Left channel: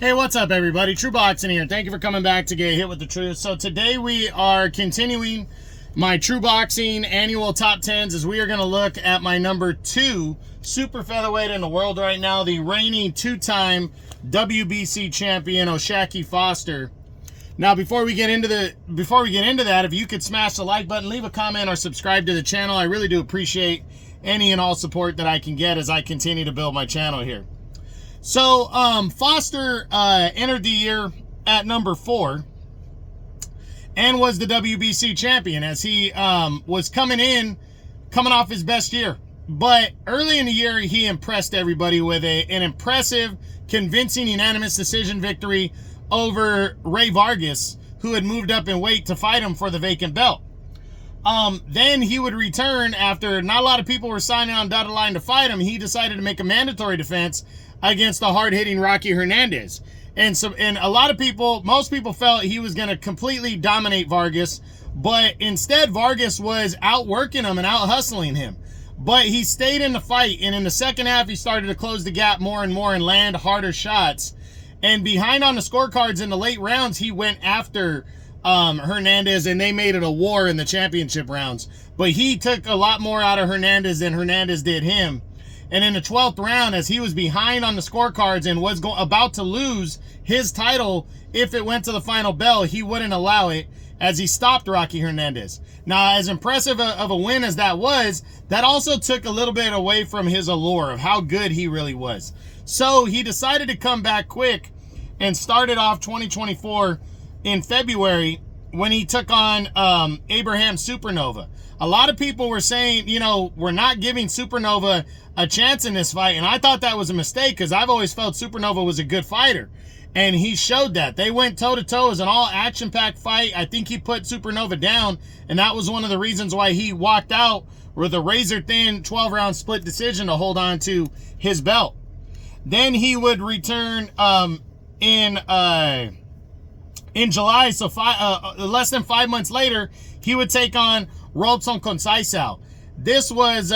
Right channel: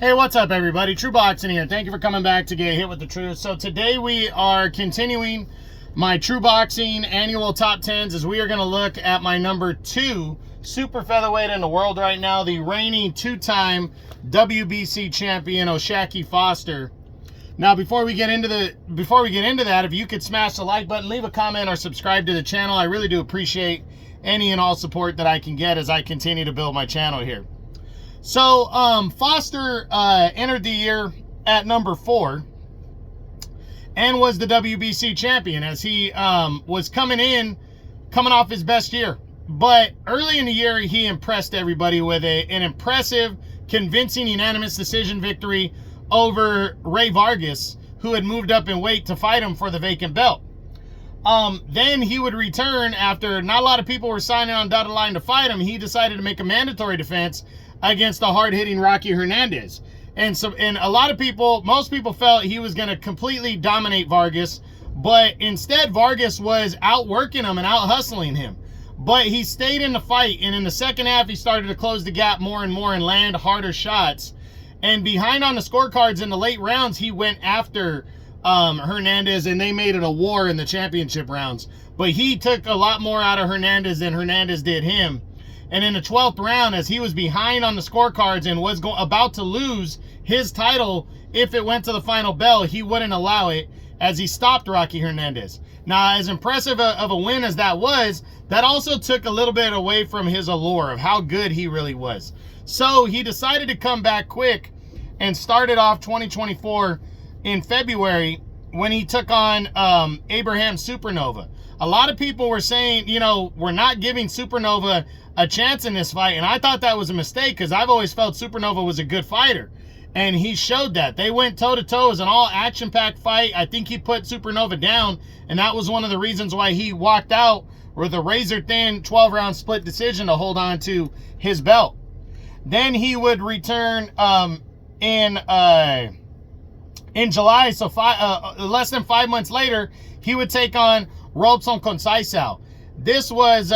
Hey, what's up, everybody? True Boxing here. Thank you for coming back to get hit with the truth. So today we are continuing my True Boxing annual top 10s as we are going to look at my number 2 super featherweight in the world right now, the reigning two-time WBC champion O'Shaquie Foster. Now, before we get into that, if you could smash the like button, leave a comment, or subscribe to the channel, I really do appreciate any and all support that I can get as I continue to build my channel here. So, Foster entered the year at number 4 and was the WBC champion as he was coming off his best year. But early in the year, he impressed everybody with an impressive, convincing, unanimous decision victory over Ray Vargas, who had moved up in weight to fight him for the vacant belt. Then he would return after not a lot of people were signing on dotted line to fight him. He decided to make a mandatory defense against the hard-hitting Rocky Hernandez. And a lot of people, most people felt he was going to completely dominate Vargas, but instead Vargas was outworking him and out-hustling him. But he stayed in the fight, and in the second half, he started to close the gap more and more and land harder shots. And behind on the scorecards in the late rounds, he went after Hernandez, and they made it a war in the championship rounds. But he took a lot more out of Hernandez than Hernandez did him. And in the 12th round, as he was behind on the scorecards and was about to lose his title if it went to the final bell, he wouldn't allow it as he stopped Rocky Hernandez. Now, as impressive of a win as that was, that also took a little bit away from his allure of how good he really was. So he decided to come back quick and started off 2024 in February when he took on Abraham Supernova. A lot of people were saying, you know, we're not giving Supernova a chance in this fight, and I thought that was a mistake because I've always felt Supernova was a good fighter, and he showed that. They went toe-to-toe as an all-action-packed fight. I think he put Supernova down, and that was one of the reasons why he walked out with a razor-thin 12-round split decision to hold on to his belt. Then he would return in July, so less than 5 months later, he would take on Robson Conceição. This was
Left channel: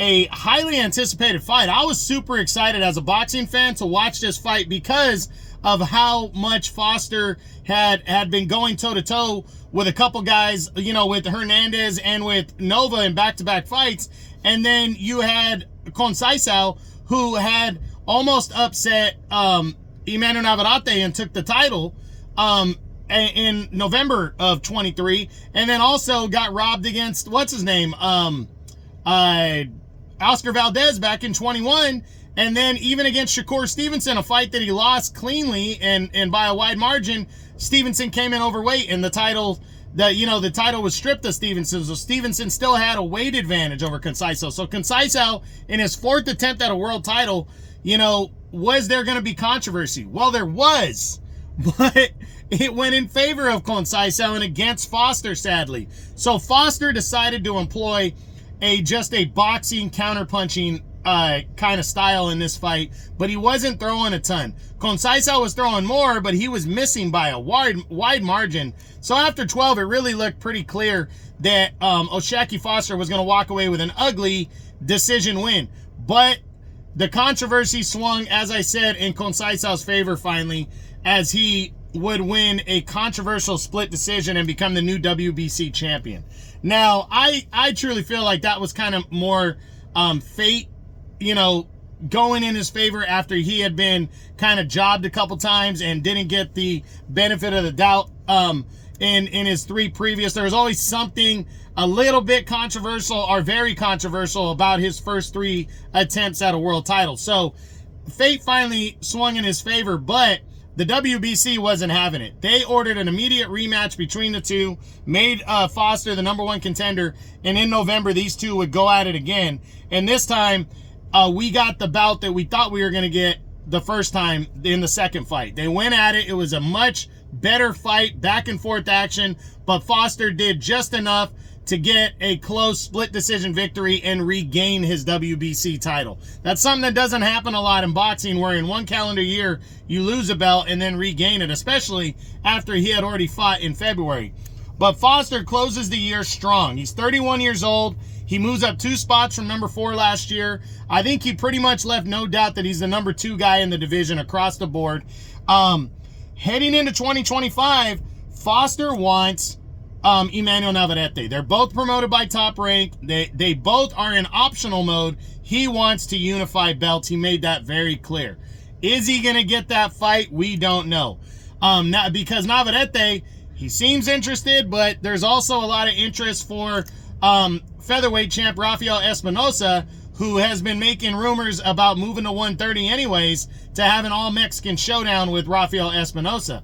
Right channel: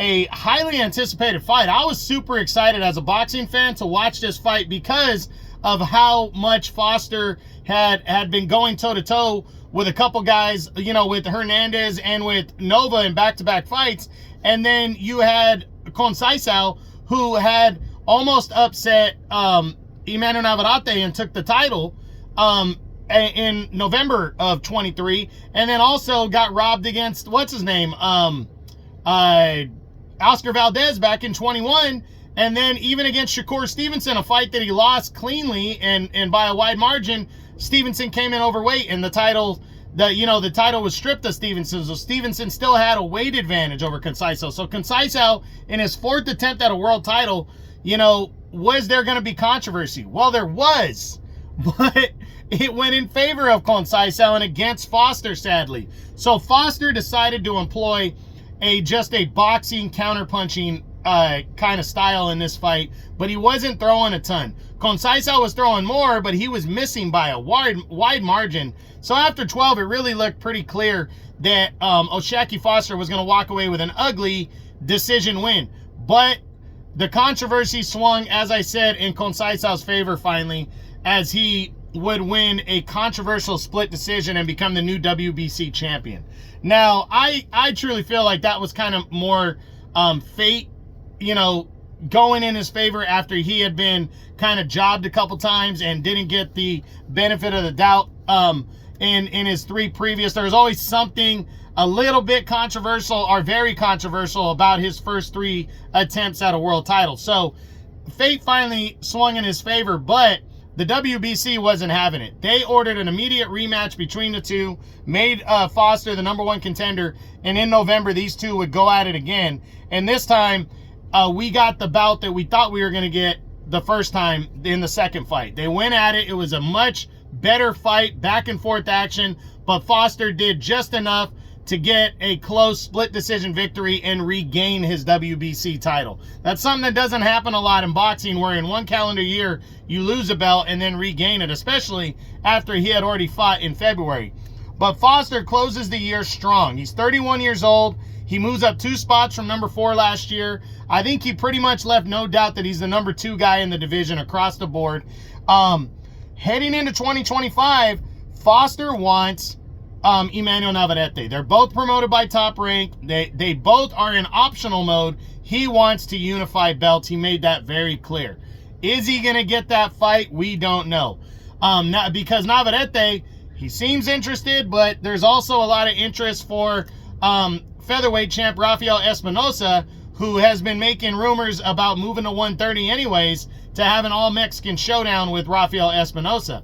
a highly anticipated fight. I was super excited as a boxing fan to watch this fight because of how much Foster had been going toe-to-toe with a couple guys, you know, with Hernandez and with Nova in back-to-back fights. And then you had Conceição, who had almost upset Emmanuel Navarrete and took the title in November of 23, and then also got robbed against, what's his name, Oscar Valdez back in 21, and then even against Shakur Stevenson, a fight that he lost cleanly and by a wide margin. Stevenson came in overweight, and the title was stripped of Stevenson, so Stevenson still had a weight advantage over Conceição. So Conceição, in his 4th attempt at a world title, you know, was there going to be controversy? Well, there was, but it went in favor of Conceição and against Foster, sadly. So Foster decided to employ just a boxing, counterpunching kind of style in this fight, but he wasn't throwing a ton. Conceição was throwing more, but he was missing by a wide margin. So after 12, it really looked pretty clear that O'Shaquie Foster was going to walk away with an ugly decision win. But the controversy swung, as I said, in Conceição's favor finally, as he would win a controversial split decision and become the new WBC champion. Now, I truly feel like that was kind of more fate, you know, going in his favor after he had been kind of jobbed a couple times and didn't get the benefit of the doubt in his 3 previous. There was always something a little bit controversial or very controversial about his first 3 attempts at a world title. So fate finally swung in his favor, but the WBC wasn't having it. They ordered an immediate rematch between the two, made Foster the #1 contender, and in November, these two would go at it again. And this time, we got the bout that we thought we were going to get the first time in the second fight. They went at it. It was a much better fight, back and forth action, but Foster did just enough to get a close split decision victory and regain his WBC title. That's something that doesn't happen a lot in boxing, where in 1 calendar year you lose a belt and then regain it, especially after he had already fought in February. But Foster closes the year strong. He's 31 years old. He moves up 2 spots from number 4 last year. I think he pretty much left no doubt that he's the number 2 guy in the division across the board. Heading into 2025, Foster wants Emmanuel Navarrete. They're both promoted by Top Rank. They both are in optional mode. He wants to unify belts. He made that very clear. Is he going to get that fight? We don't know. Because Navarrete, he seems interested, but there's also a lot of interest for featherweight champ Rafael Espinosa, who has been making rumors about moving to 130 anyways, to have an all-Mexican showdown with Rafael Espinosa.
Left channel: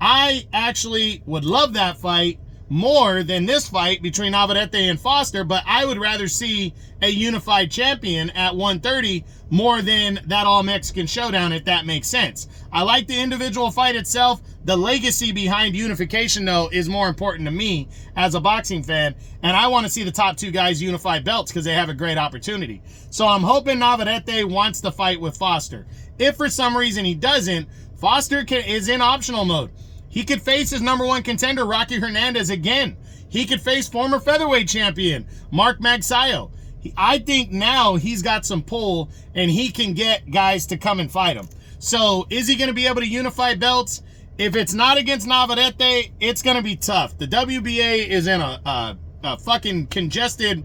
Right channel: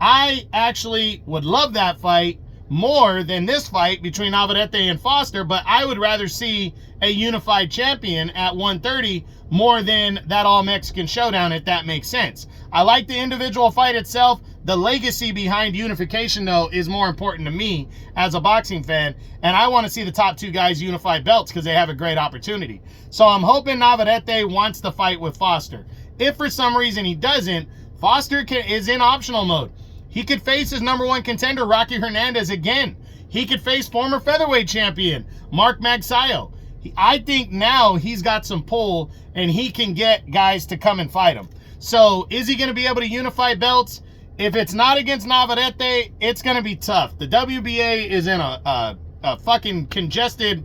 I actually would love that fight more than this fight between Navarrete and Foster, but I would rather see a unified champion at 130 more than that all-Mexican showdown, if that makes sense. I like the individual fight itself. The legacy behind unification, though, is more important to me as a boxing fan, and I want to see the top 2 guys unify belts because they have a great opportunity. So I'm hoping Navarrete wants to fight with Foster. If for some reason he doesn't, Foster is in optional mode. He could face his number 1 contender, Rocky Hernandez, again. He could face former featherweight champion Mark Magsayo. I think now he's got some pull, and he can get guys to come and fight him. So is he going to be able to unify belts? If it's not against Navarrete, it's going to be tough. The WBA is in a fucking congested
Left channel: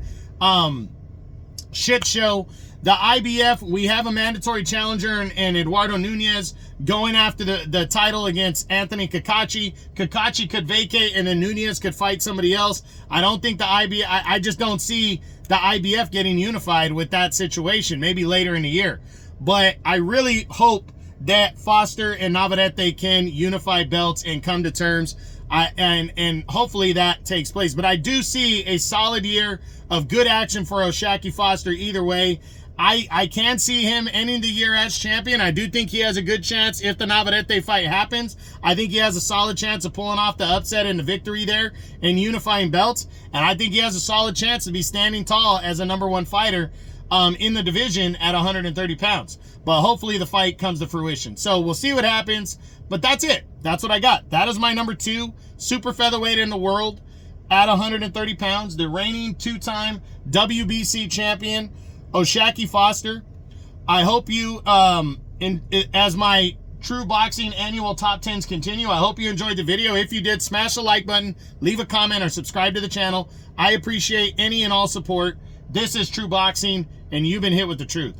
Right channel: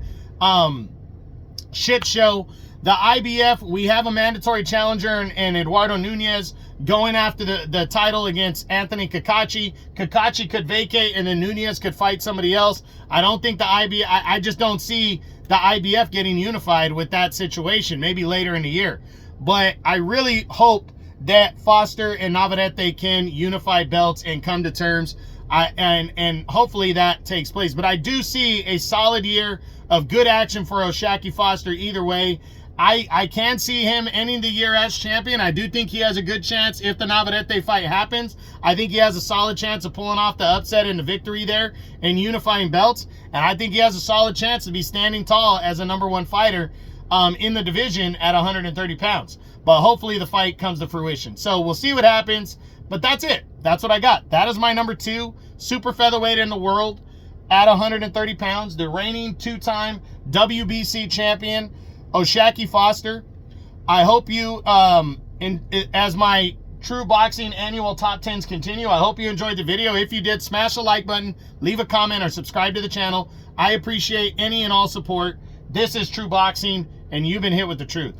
shit show. The IBF, we have a mandatory challenger in Eduardo Nunez going after the title against Anthony Kakachi. Kakachi could vacate, and then Nunez could fight somebody else. I don't think the IBF, I just don't see the IBF getting unified with that situation, maybe later in the year. But I really hope that Foster and Navarrete can unify belts and come to terms, and hopefully that takes place. But I do see a solid year of good action for O'Shaquie Foster either way. I can see him ending the year as champion. I do think he has a good chance if the Navarrete fight happens. I think he has a solid chance of pulling off the upset and the victory there and unifying belts. And I think he has a solid chance to be standing tall as a number 1 fighter in the division at 130 pounds. But hopefully the fight comes to fruition. So we'll see what happens. But that's it. That's what I got. That is my number 2 super featherweight in the world at 130 pounds. The reigning 2-time WBC champion, O'Shaquie Foster. I hope you, as my True Boxing annual top 10s continue, I hope you enjoyed the video. If you did, smash the like button, leave a comment, or subscribe to the channel. I appreciate any and all support. This is True Boxing, and you've been hit with the truth.